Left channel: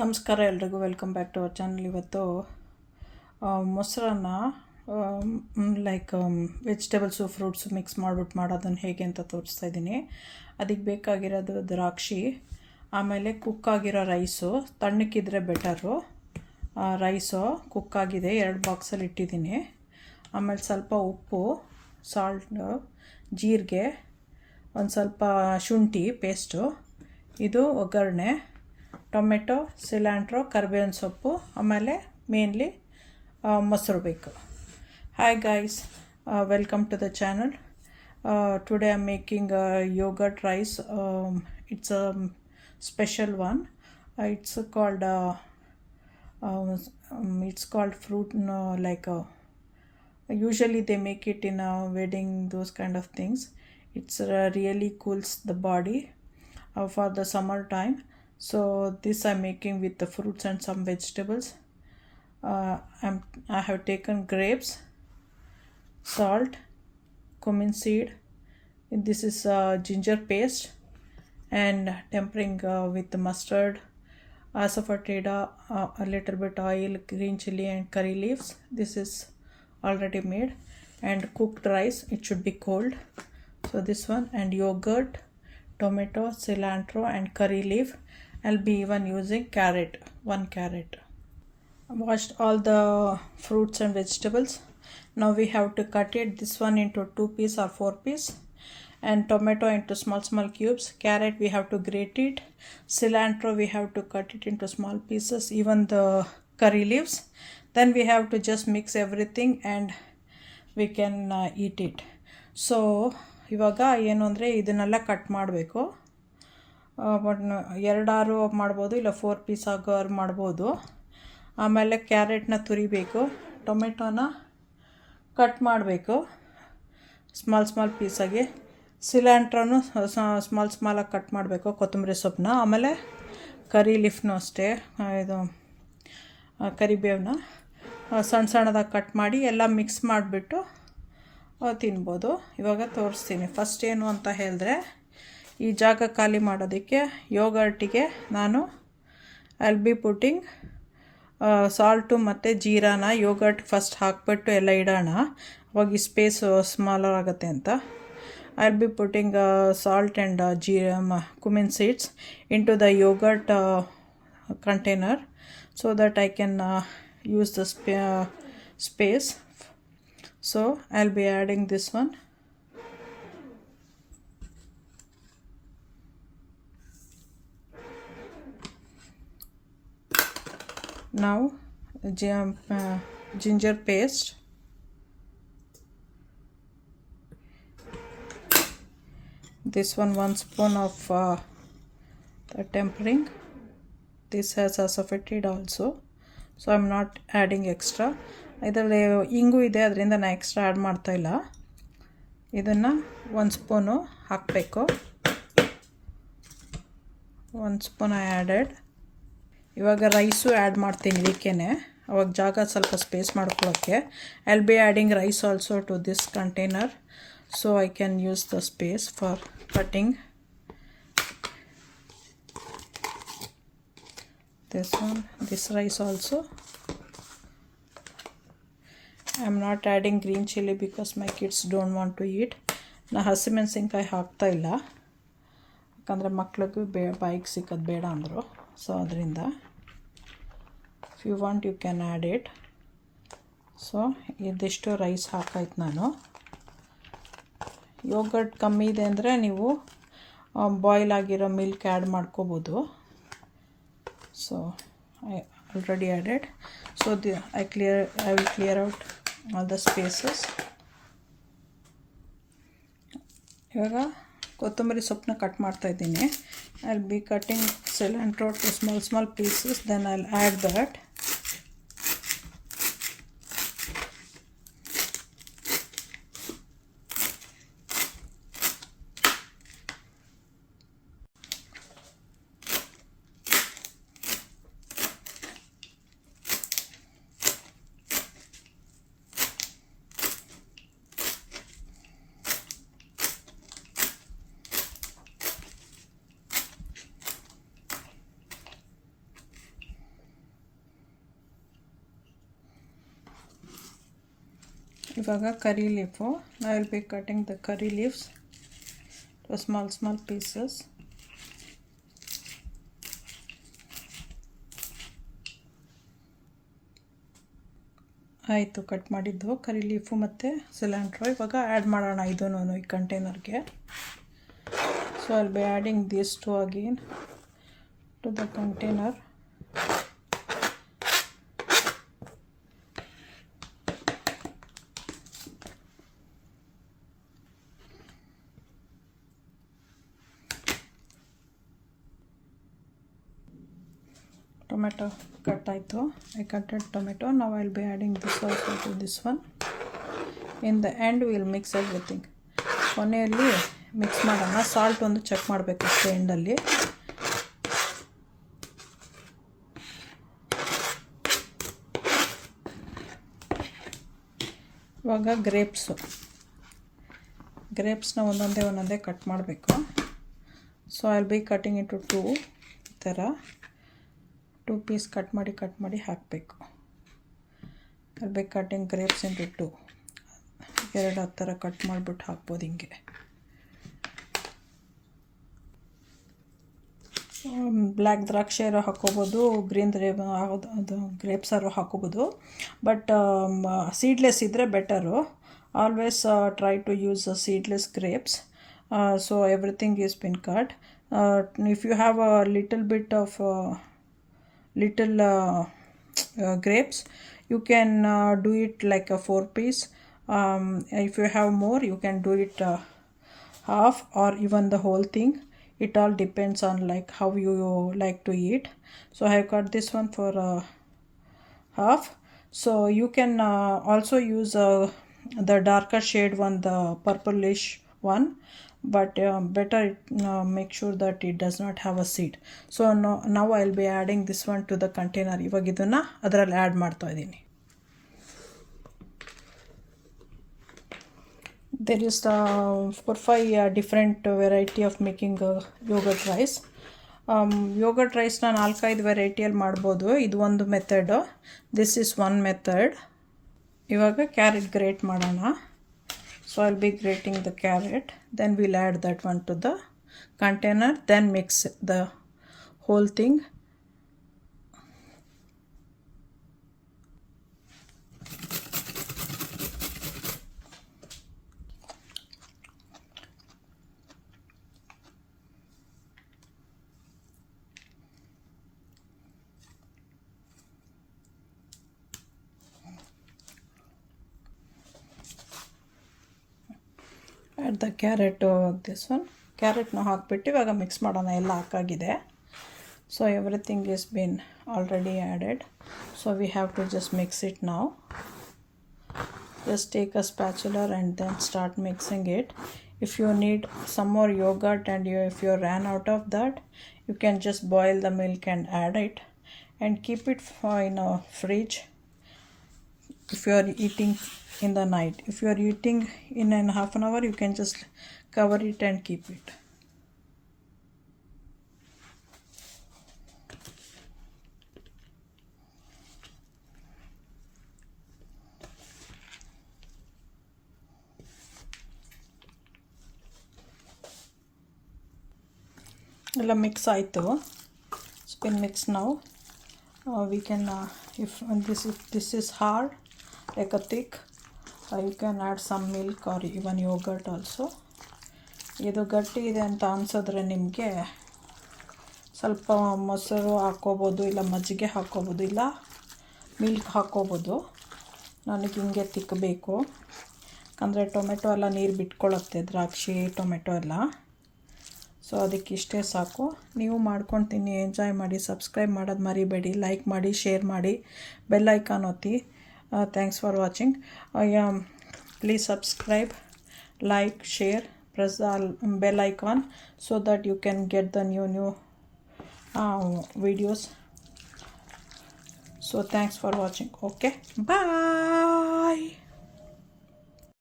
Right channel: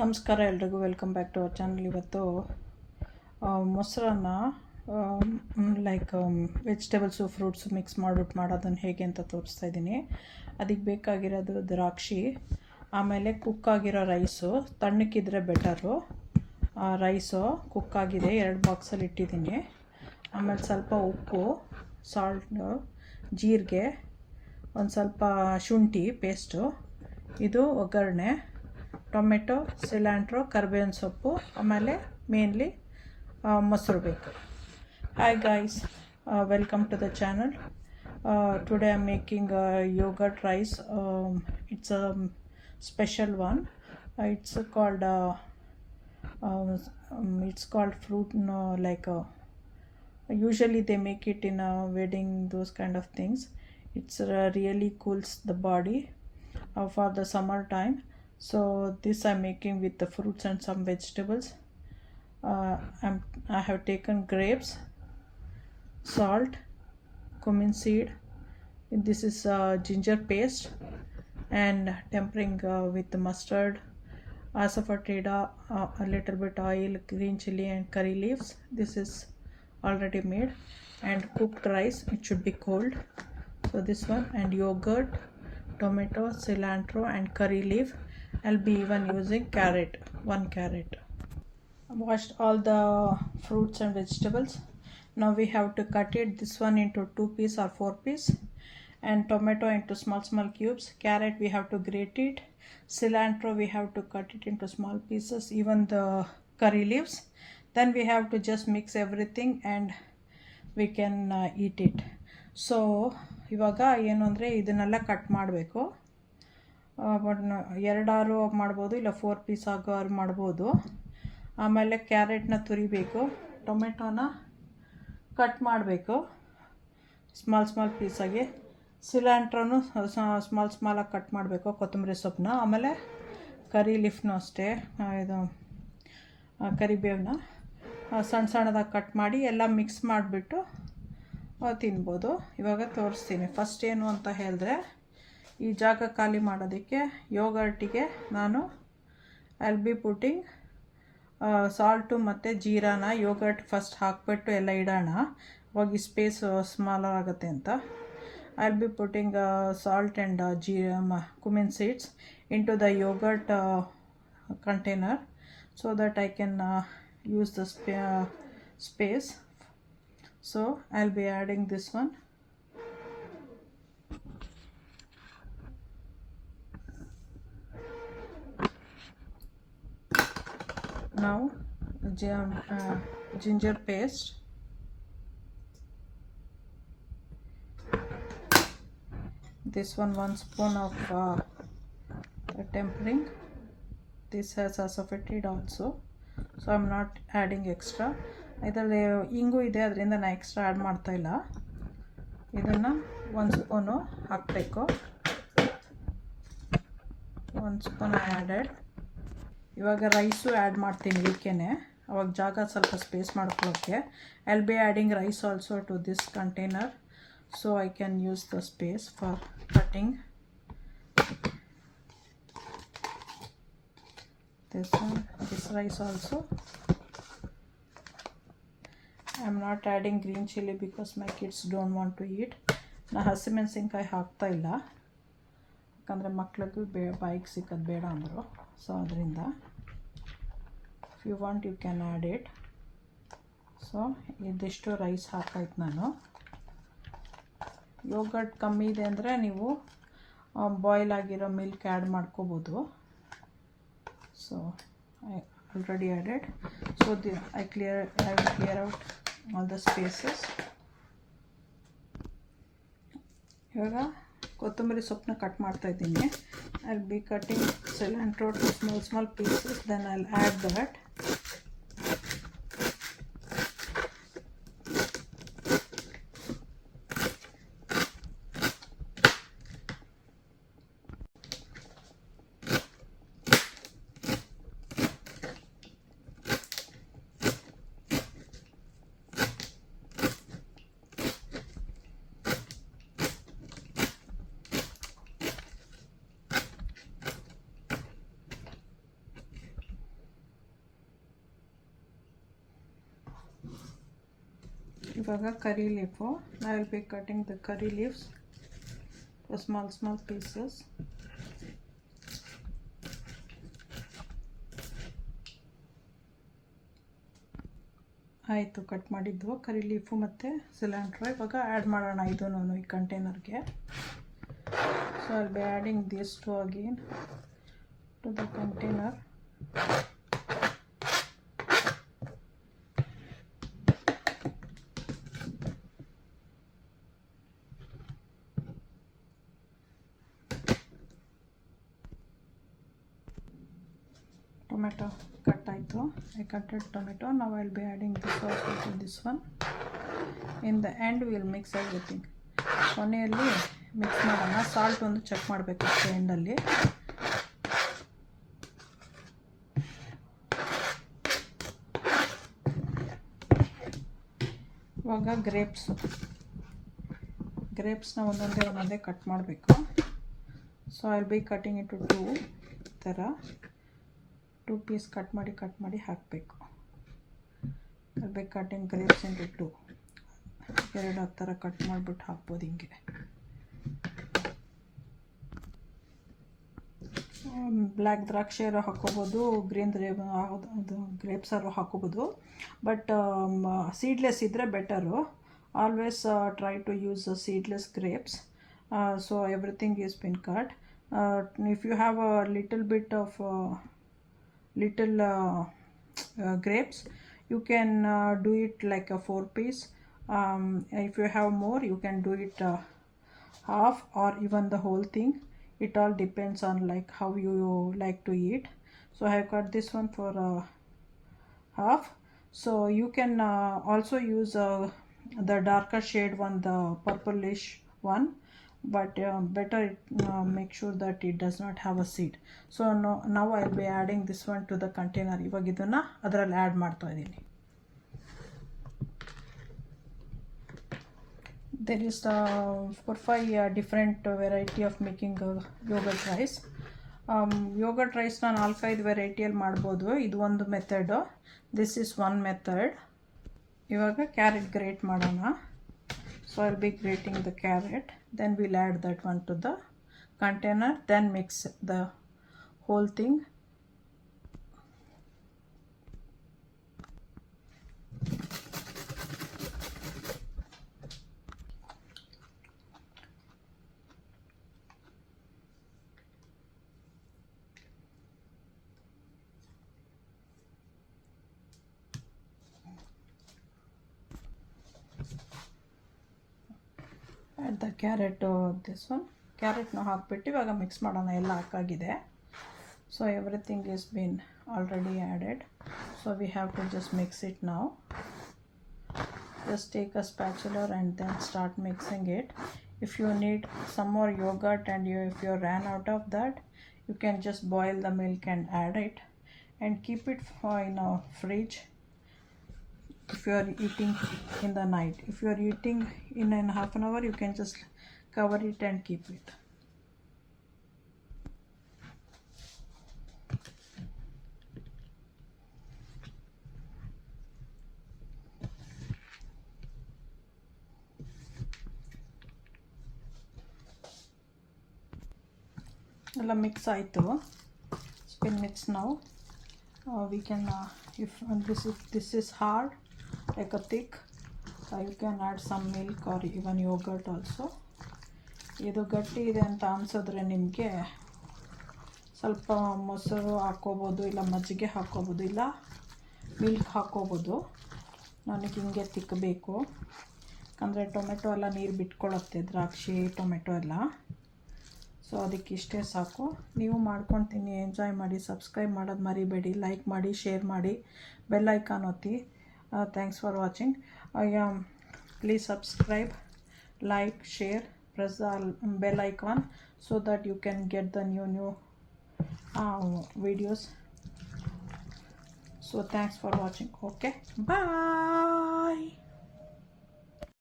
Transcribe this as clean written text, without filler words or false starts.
ನಮಸ್ಕಾರ ಎಲ್ರಿಗೂ, welcome back to our channel. ಇವತ್ತು ಮೊಸರನ್ನ ವೆಜಿಟೇಬಲ್ಸು ಫ್ರೂಟ್ಸು ಮಿಕ್ಸ್ ಮಾಡಿಬಿಟ್ಟು ಮಾಡೋದನ್ನು ಹೇಗೆ ಅಂತ ತೋರಿಸ್ತಾ ಇದ್ದೀನಿ. ಅದಕ್ಕೆ ಬೇಕಾಗಿರೋದು ದ್ರಾಕ್ಷಿ, ಆಮೇಲೆ ಕುಕ್ಕಾಗಿರೋ ರೈಸು, ತಣ್ಣಕ್ಕಿದ್ರೆ ಬೆಟರು. ರೈಸು ಕುಕ್ಕಾಗಿದೆ, 2 ಬಾಕ್ಸಲ್ಲಿ ಇಟ್ಟಿದ್ದೀನಿ. ಆಮೇಲೆ ಸ್ವಲ್ಪ ಉಪ್ಪು, ಸಾಲ್ಟ್, ಜೀರಿಗೆ, ಒಂದು ಸ್ವಲ್ಪ ಶುಂಠಿ ಪೇಸ್ಟು, ಇದು ಒಗ್ಗರಣೆ, ಟೊಮೆಟೊ, ಸಿಲ್ಯಾಂಟ್ರೋ, ಕರಿಬೇವಿನ ಸೊಪ್ಪು, ಆಮೇಲೆ ಮೇನ್ಲಿ ಮೊಸರು ಬೇಕು. Hi guys, welcome to the channel. Today I am making yogurt rice. It's a special one. It's called fruit, usually they make it in a wedding, those kind of things. It's really cools the body for the summer time. So this I'm making with the fruits and some vegetables. I have taken grapes, salt, cumin seed. This is ginger paste, and tempering with mustard, asafoetida, a little bit oil, green chili and curry leaves. This is already made, and cooked rice. It should be cold. So this one, and yogurt, tomato, cilantro and curry leaf. I'll be even using carrot, 1 carrot. I washed all the fruits and vegetables. Now we have to cut it, this one into 2 pieces or 4 pieces, and tomato into small cubes. Carrot we have to grate it. Cilantro we have to cut it into small pieces, even the curry leaves. Then we have to just mix everything and we can eat it. So ಇವಾಗ ಏನು ಅಂದರೆ ಇದನ್ನೆಲ್ಲ ಕಟ್ ಮಾಡಬೇಕು. ಬಟ್ 2 ಮಾಡ್ಬೋದು, ಇಲ್ಲ 4 ಪೀಸ್ ಆಗೋರು ಮಾಡ್ಬೋದು. ಆಮೇಲೆ ಕ್ಯಾರೆಟ್ನ ತುರಿಬೇಕು, ಟೊಮೆಟೊನ ಕಟ್ ಮಾಡಬೇಕು ಸ್ಮಾಲ್ ಪೀಸಾಗಿ, ಸಿಲ್ಯಾಂಟ್ರೋನು ಸ್ಮಾಲಾಗಿ ಕಟ್ ಮಾಡಬೇಕು, ಕೊತ್ತಂಬರಿ ಸೊಪ್ಪನ್ನ, ಆಮೇಲೆ ಕರಿ ಲೀಫ್ನು ಅಷ್ಟೇ, ಇದು ಕರಿಬೇವನ್ನ ಸಣ್ಣದಾಗಿ ಕಟ್ ಮಾಡಿ ಎಲ್ಲ ಮಿಕ್ಸ್ ಮಾಡಿಬಿಟ್ಟು ತಿನ್ಬೋದು. ಇವಾಗ ತೋರಿಸ್ತೀನಿ. ಫಸ್ಟ್ ಏನು ಅಂತ ಹೇಳಿದ್ರೆ, ಈ ಜಾಗ ಖಾಲಿ ಮಾಡೋದಕ್ಕೆ ಯೋಗರ್ಟಿಗೆ ನಾನು ಐಲ್ ಬಿ ಪುಟ್ಟಿಂಗ್ ಸಾಲ್ಟು ಮತ್ತು ಜೀರಾನ ಯೋಗರ್ಟ್ ಫಸ್ಟ್ ಹಾಕ್ಬಿಟ್ಟು ಎಲ್ಲ ಇಡೋಣ, ಅವಾಗ ಈ ಸ್ಪೇಸು ಸ್ಮಾಲರ್ ಆಗುತ್ತೆ ಅಂತ. I'll be putting salt and cumin seeds into the yogurt container so that I can use the space. So I'll be adding this one. Now ginger paste, this one 1 spoon of tempering. This has asafoetida also, so I'm not adding extra. ಇದರಲ್ಲಿ ಇಂಗು ಇದೆ, ಅದರಿಂದ ನಾನು extra add ಮಾಡ್ತಾಯಿಲ್ಲ. ಇದನ್ನು 1 spoon ಹಾಕಬೇಕು. 1 spoon added. ಇವಾಗ rice add ಮಾಡ್ತೀನಿ ಇದಕ್ಕೇನೆ, ಅವಾಗ ಜಾಗ ಸ್ವಲ್ಪ ಸ್ಪೇಸ್ ಮಾಡ್ಕೊಳ್ಳೋಕ್ಕೆ. I will be adding rice also to this container, so I can use the space for cutting. This rice also. I am not adding green chili because my kids don't want to eat. ನಾ ಹಸಿಮೆಣಸಿನ್ಕಾಯಿ ಹಾಕ್ತಾ ಇಲ್ಲ, ಯಾಕಂದರೆ ಮಕ್ಳಿಗೂ ಬಾಯಿಗೆ ಸಿಕ್ಕೋದು ಬೇಡ ಅಂದರು. ಸೊ ಅದರಿಂದ if you want you can add it. So ಇದಿಷ್ಟು ರೈಸ್ ಹಾಕಾಯ್ತು ನಾನು. ಯೋಗರ್ಟ್ ಕಮ್ಮಿ ಇದೆ ಅಂದರೆ ನೀವು ಬಾಯ್ಲ್ ಆಗಿರೋ ಮಿಲ್ಕ್ ಆ್ಯಡ್ ಮಾಡ್ಕೋಬೋದು. So I already added. So I will clear out all the spaces. ಇವಾಗ ಕೊತ್ತಂಬರಿ ಸೊಪ್ಪನ್ನ ಕಟ್ ಮಾಡ್ತಾ ಇದ್ದೀನಿ. I will be cutting cilantro to small pieces, then I will add that. ಇವಾಗ curry leaf. I will be cutting the curry leaves to small pieces. ಆಯಿತು, cut ಮಾಡಿದ್ದು curry leaf ಮತ್ತು cilantro. ಇವಾಗ ಆ್ಯಡ್ ಮಾಡೋಣ ಇದನ್ನು ಈ ಕಂಟೈನರ್ಗೆ. So I will be adding this to again to the container. Tomato cut ಆಯಿತು. I cutted tomato. Now I will be adding this also to this one. In the end we will mix everything. ಕೊನೆಯಲ್ಲಿ mix ಮಾಡೋಣ. Salt ಒಂದು check ಮಾಡಬೇಕು ಅಷ್ಟೇ ಎಂಡಲ್ಲಿ. ಇವಾಗ ಗ್ರೇಪ್ಸ್ನ ಒಂದೊಂದೇ ಕಟ್ ಮಾಡಬೇಕು. So I will be cutting it to 2 piece cut ಮಾಡಿ ಹಾಕಬೇಕು. I be cutting grapes into 2. 2 ಆ ಥರ ಕಟ್ ಮಾಡಿಬಿಟ್ಟು ಹಾಕ್ಬೋದು ಹಿಂಗೆ. ಬ್ಲ್ಯಾಕ್ ದ್ರಾಕ್ಷಿಯಾರು ಹಾಕ್ಕೋಬೋದು, ಗ್ರೀನ್ ಅದು ಗ್ರೇಪ್ಸಾರು ಹಾಕ್ಕೋಬೋದು. ಬಟ್ ಸೀಡ್ಲೆಸ್ ಇದ್ದರೆ better. Always try to use seedless grapes. So everything is been cut. If you have a little bit of grapes, you can do it like a 4 piece. If you have more, you can do it half or even the whole thing. It all depends on like how you like to eat. So I have cut this one for half. So you can also use the darker shade one, the purplish one, but better make sure that it does not have a seed. So now I will be adding this one to the container. ಇವಾಗ ಇದನ್ನು ಅದರಲ್ಲಿ ಆ್ಯಡ್ ಮಾಡ್ತಾ ಇದ್ದೀನಿ. There is 4-5 different variety of making yogurt rice. Yogurt rice na 4-5 ವೆರೈಟಿಯಲ್ಲಿ ಮಾಡ್ಬೋದು. ಇದು ಒಂದು method. This is one method. ಇವಾಗ ಕ್ಯಾರೆಟ್ ಗ್ರೇಟ್ ಮಾಡೋಣ. So I'll be grating the carrot, then we'll add that one to the container, then mix the whole thing. Add the carrot, this one ಕ್ಯಾರೆಟ್ನ ಹಾಕ್ಬಿಟ್ಟು ಇವಾಗ mix ಮಾಡೋಣ. ಎಲ್ಲ ಹಾಕಾಗಿದೆ. So everything is been already added. So we have to just mix it ನಾವು. Just take a spatula and then start mixing it. If you need some more yogurt and if you ran out of that, you can just boil the milk and add it and keep it in a fridge. If you are eating in the night, if you are eating in half an hour, you can just cover it and keep it. ಎಲ್ಲ ಮಿಕ್ಸ್ ಆಯಿತು. Spin mix ನಾವು we can if this is hard like a thick, you can add some milk or even yogurt also. ಇದು ಗಟ್ಟಿ ಇದೆ ಅಂತ ಅನಿಸಿದ್ರೆ ನಿಮಗೆ ಸ್ವಲ್ಪ ಮೊಸರು ಹಾಕ್ಕೋಬೋದು, ಇಲ್ಲ ಮಜ್ಜಿಗೆ ಹಾಕ್ಕೋಬೋದು, ಇಲ್ಲ ಮಿಲ್ಕ್ ಹಾಕ್ಕೋಬೋದು. ನನಗೆ ಹಿಂಗೆ ತಿಕ್ಕಬೇಕು, ಯಾಕಂದರೆ ಟೊಮೆಟೊ ಎಲ್ಲ ನೀರು ಬಿಟ್ಕೊಳ್ಳುತ್ತೆ, ದ್ರಾಕ್ಷಿ ಟೊಮೆಟೊ ಎಲ್ಲ. ಸೊ ಅದಕ್ಕೆ ಇಷ್ಟೇ ಸಾಕು. ನೀವು ಮಾಡ್ಕೊಂಡು ತಿನ್ನಿ, ಎಂಜಾಯ್ ಮಾಡಿ. ಸಬ್ಸ್ಕ್ರೈಬ್ ಮಾಡೋದು ಮರಿಬೇಡಿ. ಲೈಕ್ ಮಾಡಿ, ಶೇರ್ ಮಾಡಿ, ಬೆಲ್ ಐಕಾನ್ ಒತ್ತಿ. Thanks for watching. Please subscribe, like, share, press the bell icon so that you can get the new videos. So thanks for watching. Okay, bye.